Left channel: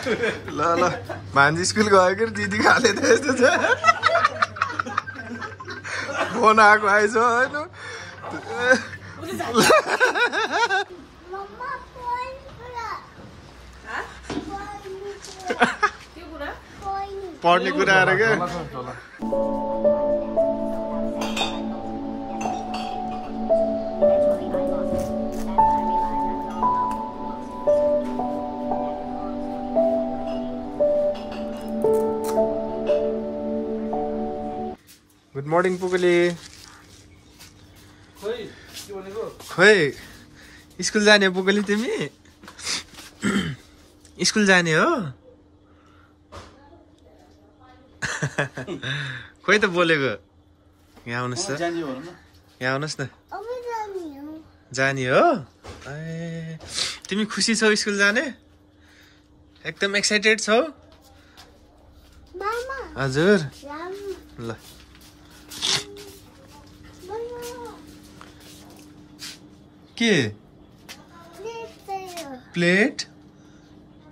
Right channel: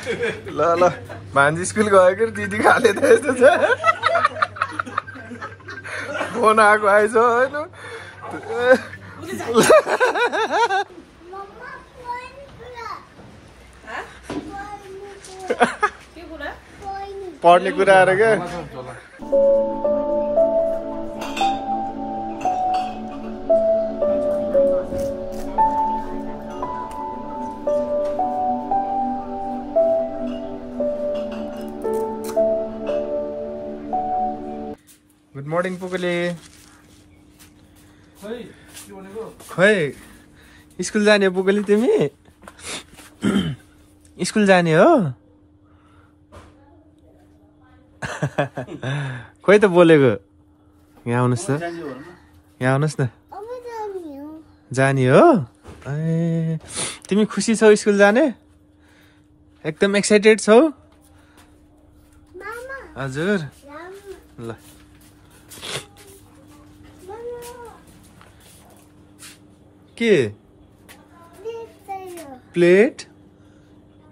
ल ल भान्जी स्कुल गयो कि दिदी खाले त यस्तो छ फोन आएको आएछ होइन पढ्ने कुराहरू क्या गुड मर्निङ पुगली खोइ स्कुल जाने हो पुगली तिमी स्कुल जाने हो खोइ त बोलेको यहाँ आउनुहोस् न यहाँ आउनुहोस् न जाने हो ए तिमी खुसी छौ स्कुल जाने एकदम एक्साइटेड छौ हजुर ल के प्लेट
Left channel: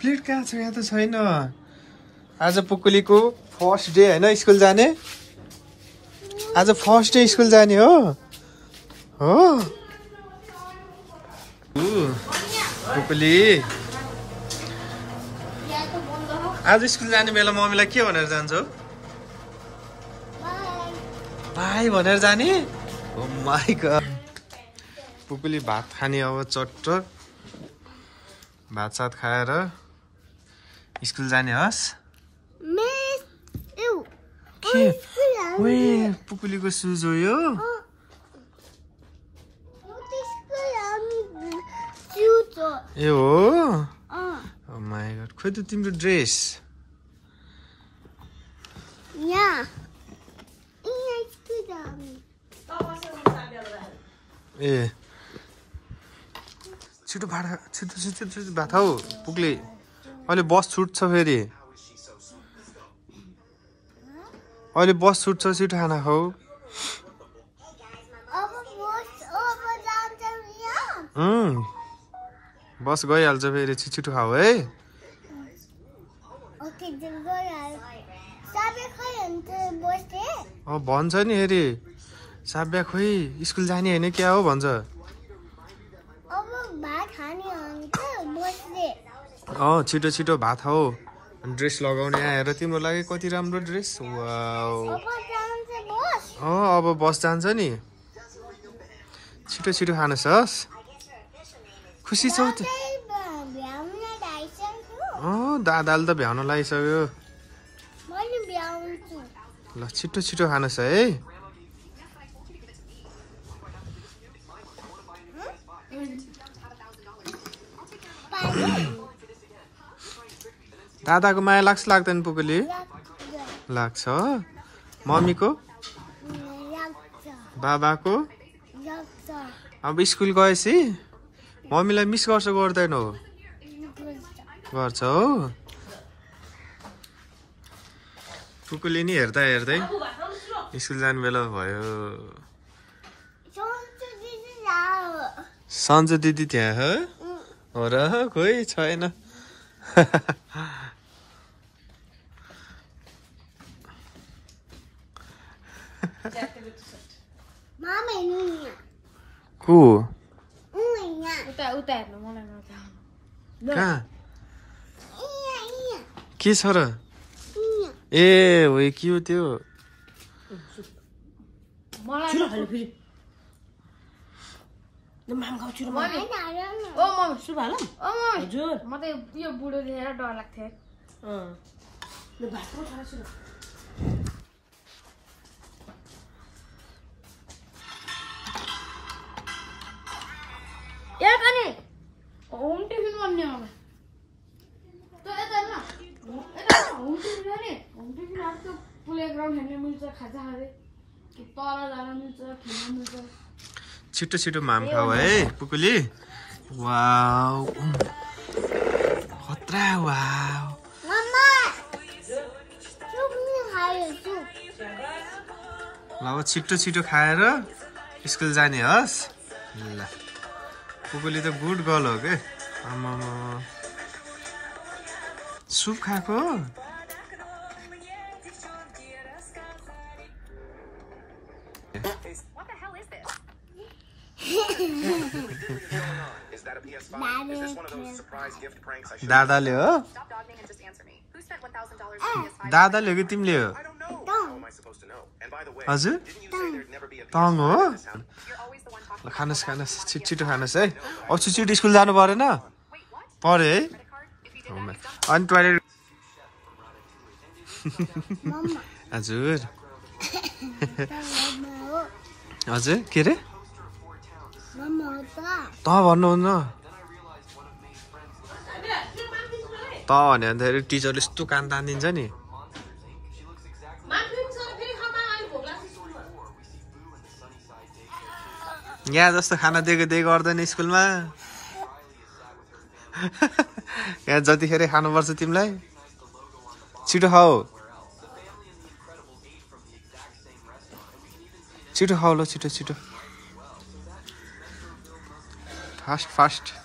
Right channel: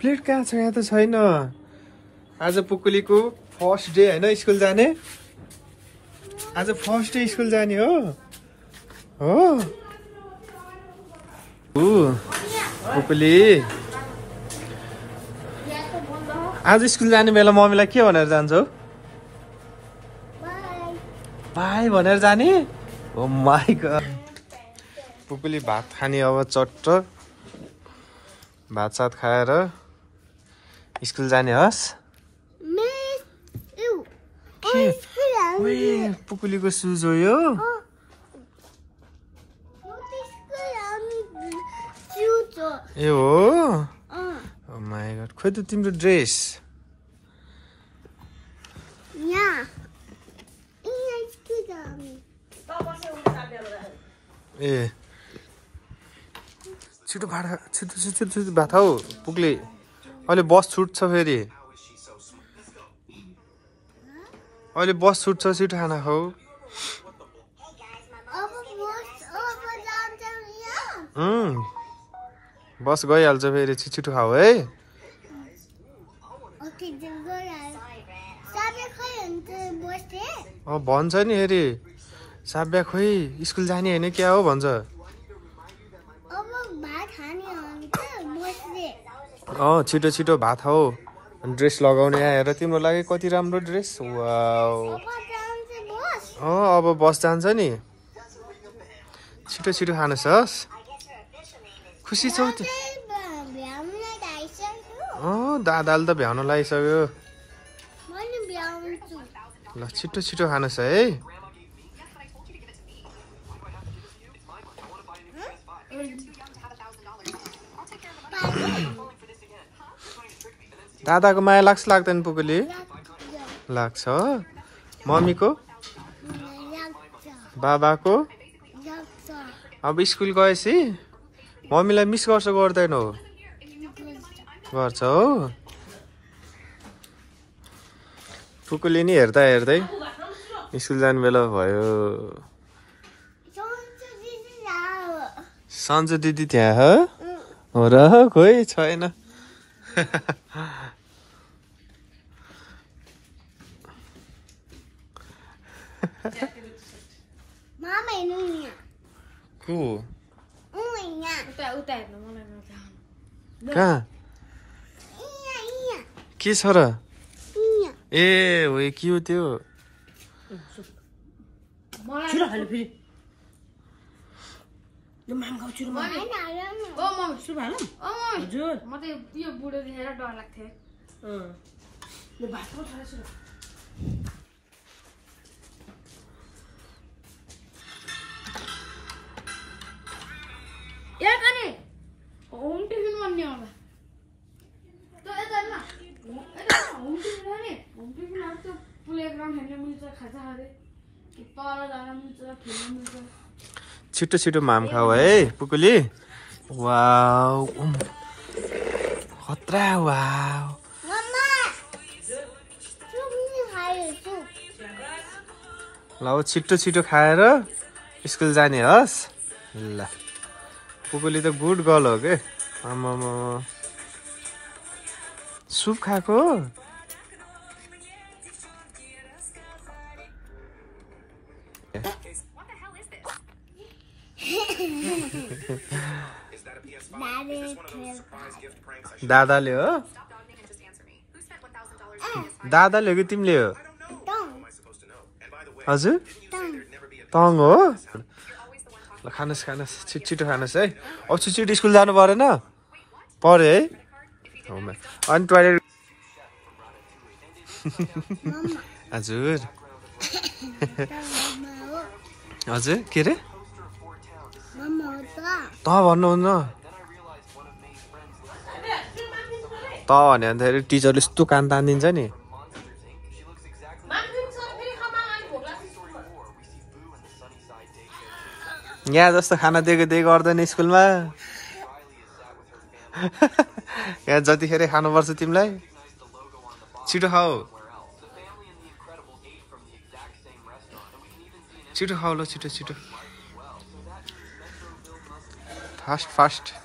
प्लेट कहाँ छ यहाँ त छैन आज पुकुलीको फर्स्ट डे होइन स्कुल जाने आज फर्स्ट डे स्कुल जाने हो पुकुली आज स्कुल जाने बेला मम्मीलाई के भनेर जान्छौ बाई भनेर जाने ओ माय गॉड पुकुली भात खाने अब चट्ट भात सात खाएर स्कुल जाने हस् पुकुलीको सुज हो यो ए हो ओ माय गॉड खोइ त तिम्रो ड्रेस ए छिटो भाडा छिटो भात हौ पुग्ले अहिले बस छुट्छ फेरि अहिले बस छुट्छ छिटो खाना खाऊ बस गइहाल्छ फेरि छिटो खाऊ है भन्छ नि हेरि साब्या खोइ स्कुल जाने होइन क्या हो भन्छ छिटो छिटो भात खाऊ ड्रेस लगाउने आएर तिम्रो लागि कति राम्रो ड्रेस वाउ अब बस जान्छ नि छिटो छिटो खानुहोस् हस् खुसी छौ त दादाले त भ्याउन लागिसक्यो ल छिटो छिटो खानुहोस् है दादाको माया लाग्छ लाग्दैन पुकुली लाग्छ मम्मीको बाबाको अब स्कुल गएपछि मम्मीलाई मिस गर्छ गर्दैनौ गर्छ हो पुकुली नि हेर्दा हेर्दै स्कुल जाने बेला भयो सन्जु दिदी त्यहाँ हो र खोइ छैन को कहाँ के छ र ए हो के हो त्यो होम टिफिन भन्ने होला त्यो यता न होम टिफिन नि होम टिफिन अब त्यो प्लेग्राउन्ड हेर्न मिल्छ खाजा खाँदै कि तल जान मिल्छ खेल्न मिल्छ छिटो छिटो माम खाऊ है पुकुली वाउ खतरा वाउ मम्मा सुप नि खायो सुप ल छिटो छिटो खाएर स्कुल जाने हस् ल पुकुली त गुड गर्ल हो के आमामा सुप खाएको दादाले हो दादाले हो कि तिमीले हो हजुर तङ हो ल खानुहोस् खानुहोस् छिटो खानुहोस् है अब छिटो स्कुल जानु परेन पर्यो है अनि टोइलेट हजुर हजुर के अरे त भन्नुहुन्न त भन्यो भने त टिचरले यस्तो कान तानिदिन्छ नि यहाँ जस्तो खाना दिएको गर्दैन स्कुलमा यहाँ जतिखेर खानुपर्छ तिमीलाई छिटो खाऊ छिटो खाऊ ल छिटो छिटो फास्ट फास्ट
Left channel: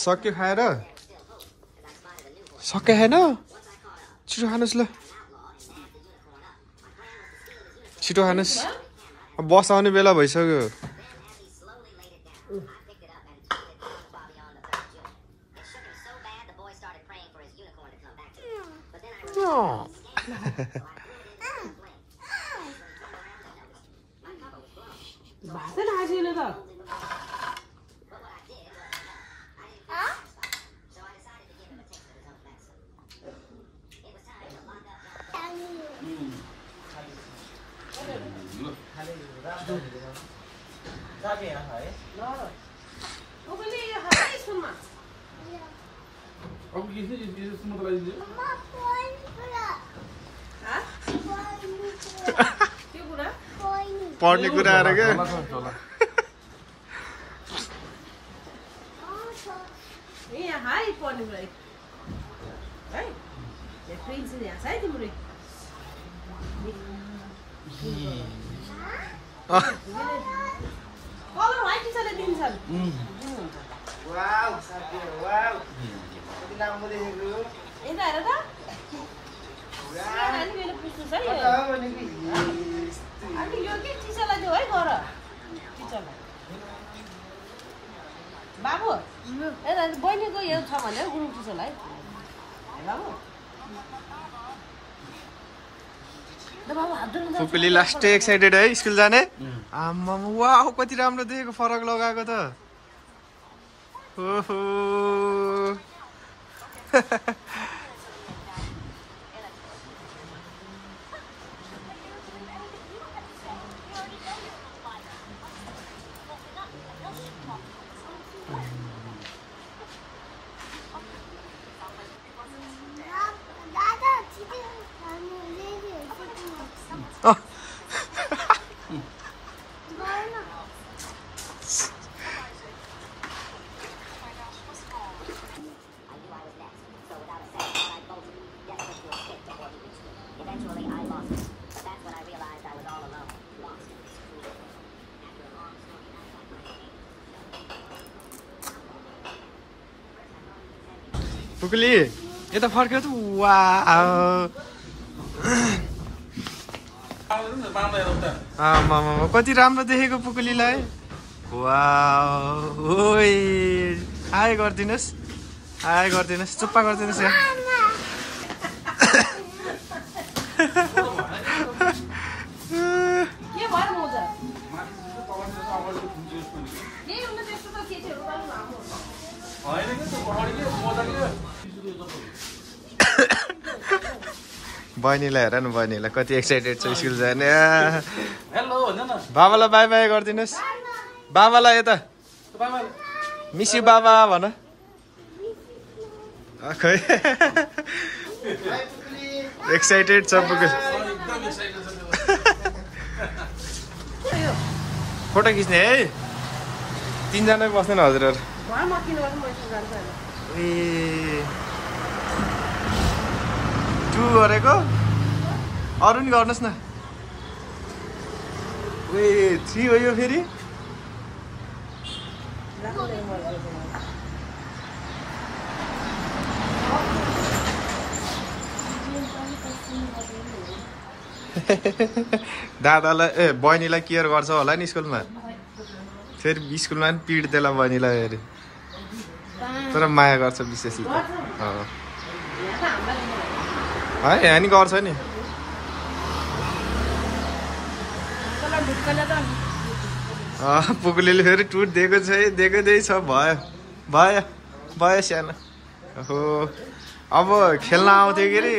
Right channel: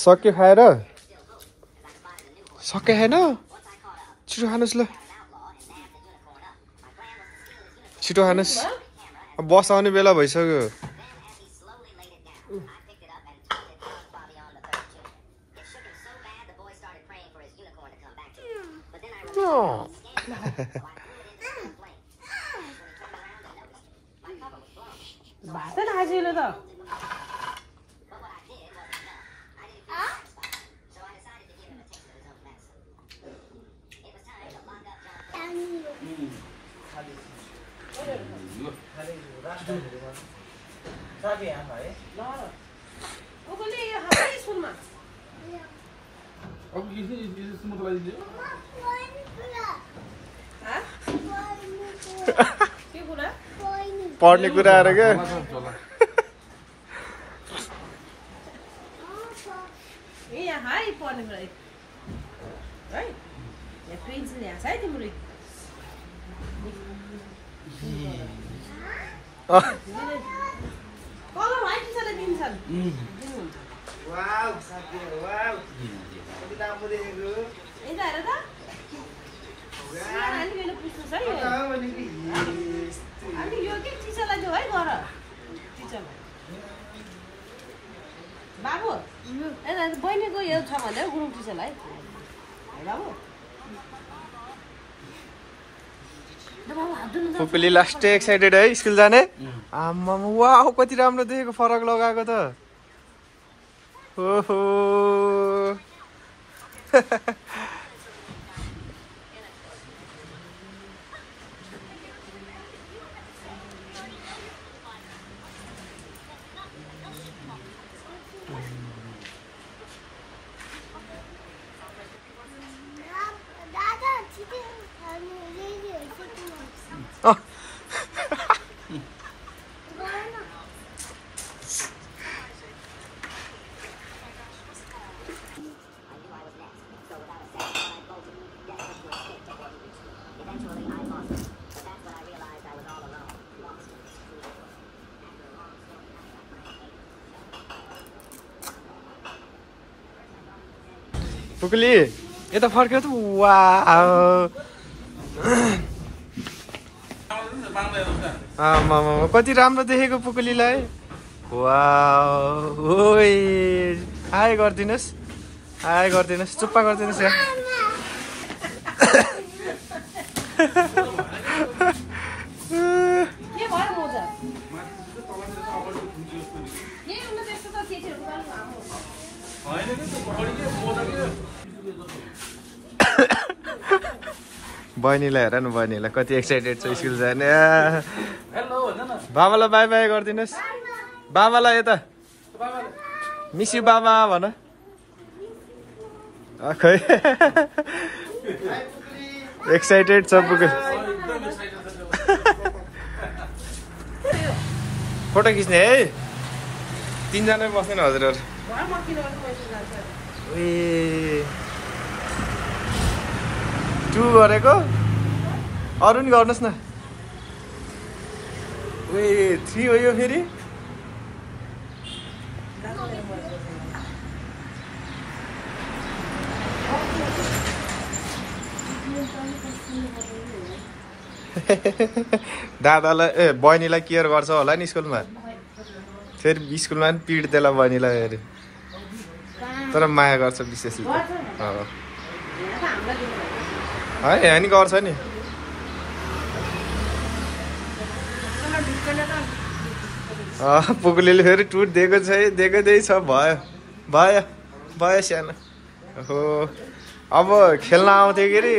सक्यो खाएर सक्यो छैन छिटो खानुहोस् ल छिटो खानुहोस् बस आउने बेला भइसक्यो पढ्ने कुरा आएर क्या बाबु बहिनीको यो छ भने गुरु टिचरलाई पुकुली लास्ट एक्साइटेड है स्कुल जाने आम्मा वाउ कति राम्रो देखेको फरक लगाएको त ओहो पुकुली यता फर्क्यो त वाउ आमामा कति राम्रो देखेको पुकुलीलाई वाउ ओइ हाय गर्दिनुस् चुप्पा गर्दिनुस् यहाँ बहिनीलाई हेर न बहिनीलाई कति एक्साइटेड छ स्कुल जाने बाबालाई बाई बाई गरिदिनुहोस् बाबालाई यता मिस यु बाबा भन खै एक्साइटेड छ पुगेल फोटो खिच्ने है तीनजना बस्दैन हजुरहरू ए टु गरेको अरू नि गर्नुहोस् न ए 3 हो यो फेरि दादालाई बहिनीलाई केयर गर्छ होला नि स्कुलमा फेरि स्कुलमा पनि पिट्देला बहिनीलाई फेरि तर माया गर्छ विशेष है यहाँ नि गर्छ नि पुगुलीले फेरि टुट दिएको छ छ भयो भयो भयो सानो हो अब खेल्न आउँथ्यो के अरे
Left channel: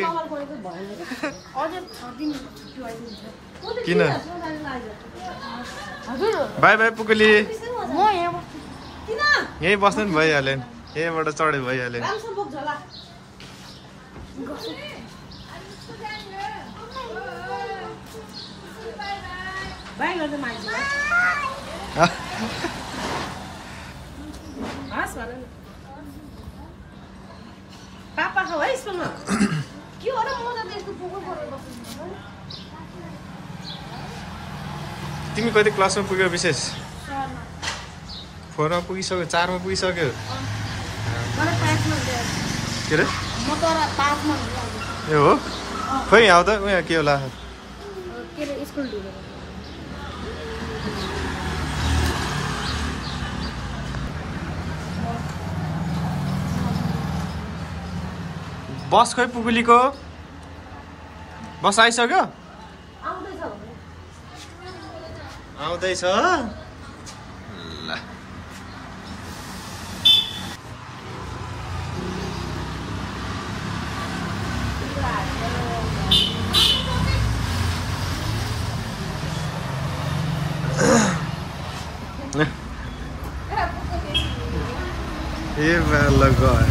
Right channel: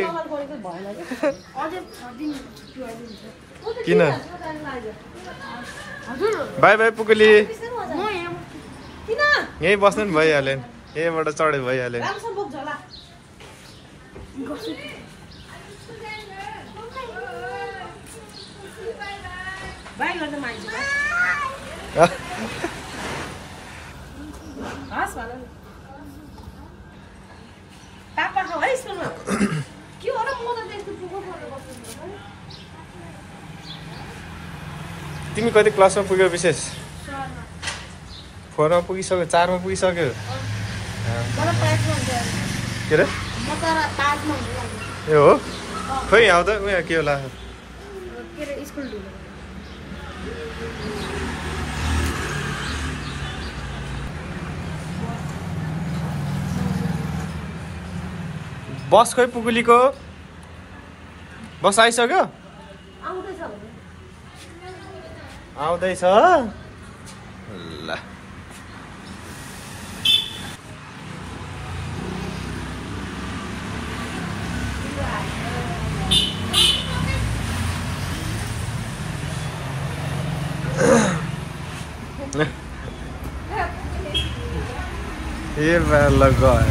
किन बाई बाई पुगुली यहीँ बस्नु नि भइहाल्यो नि यहीँबाट चढ्यो भइहाल्यो तिमी कति क्लासमा पुग्यौ विशेष 4 मा पुगिसक्यो 4 मा पुगिसक्यो के अरे ए हो खोइ आउँदा उहाँ के होला बस खै पुगुलीको बस आइसक्यो आउँदैछ ल ये मैं लगा है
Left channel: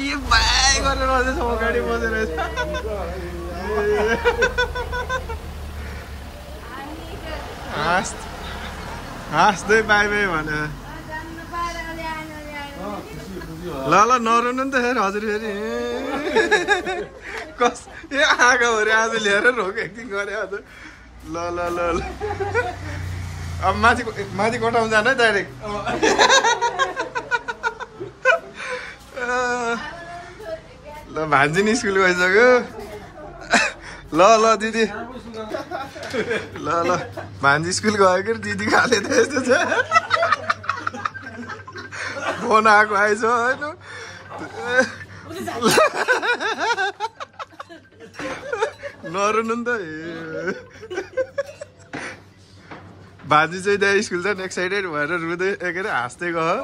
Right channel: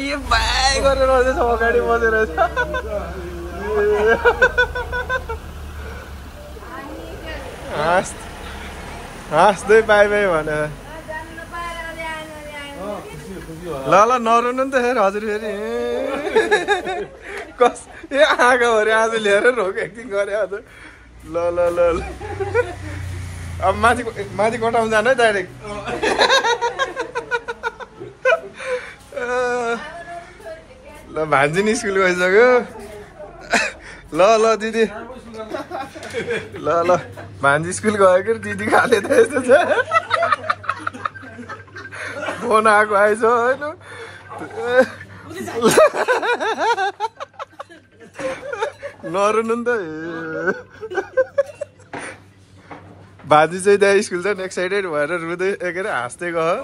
ये बाई गरेर रहेछ अगाडि बसेर हाँस्दै बाई बाई भने ल नरुनु नि त फेरि हजुर फेरि कस ए आँखाभरि आज लिएर रोक एक्टिङ गरे आज ल ल ल अब माथि कोठामा जानु है डाइरेक्ट ल भान्जी नि स्कुल गइसक्यो ल ल दिदी ल ल भान्जी स्कुल गयो कि दिदी खाले त यस्तो छ फोन आएको आएछ होइन नरुनु नि त भान्जी चाहिँ त्यहाँ स्कुल चाहिँ एक्साइटेड भएर रुँदै के अरे हाँस्दै गयो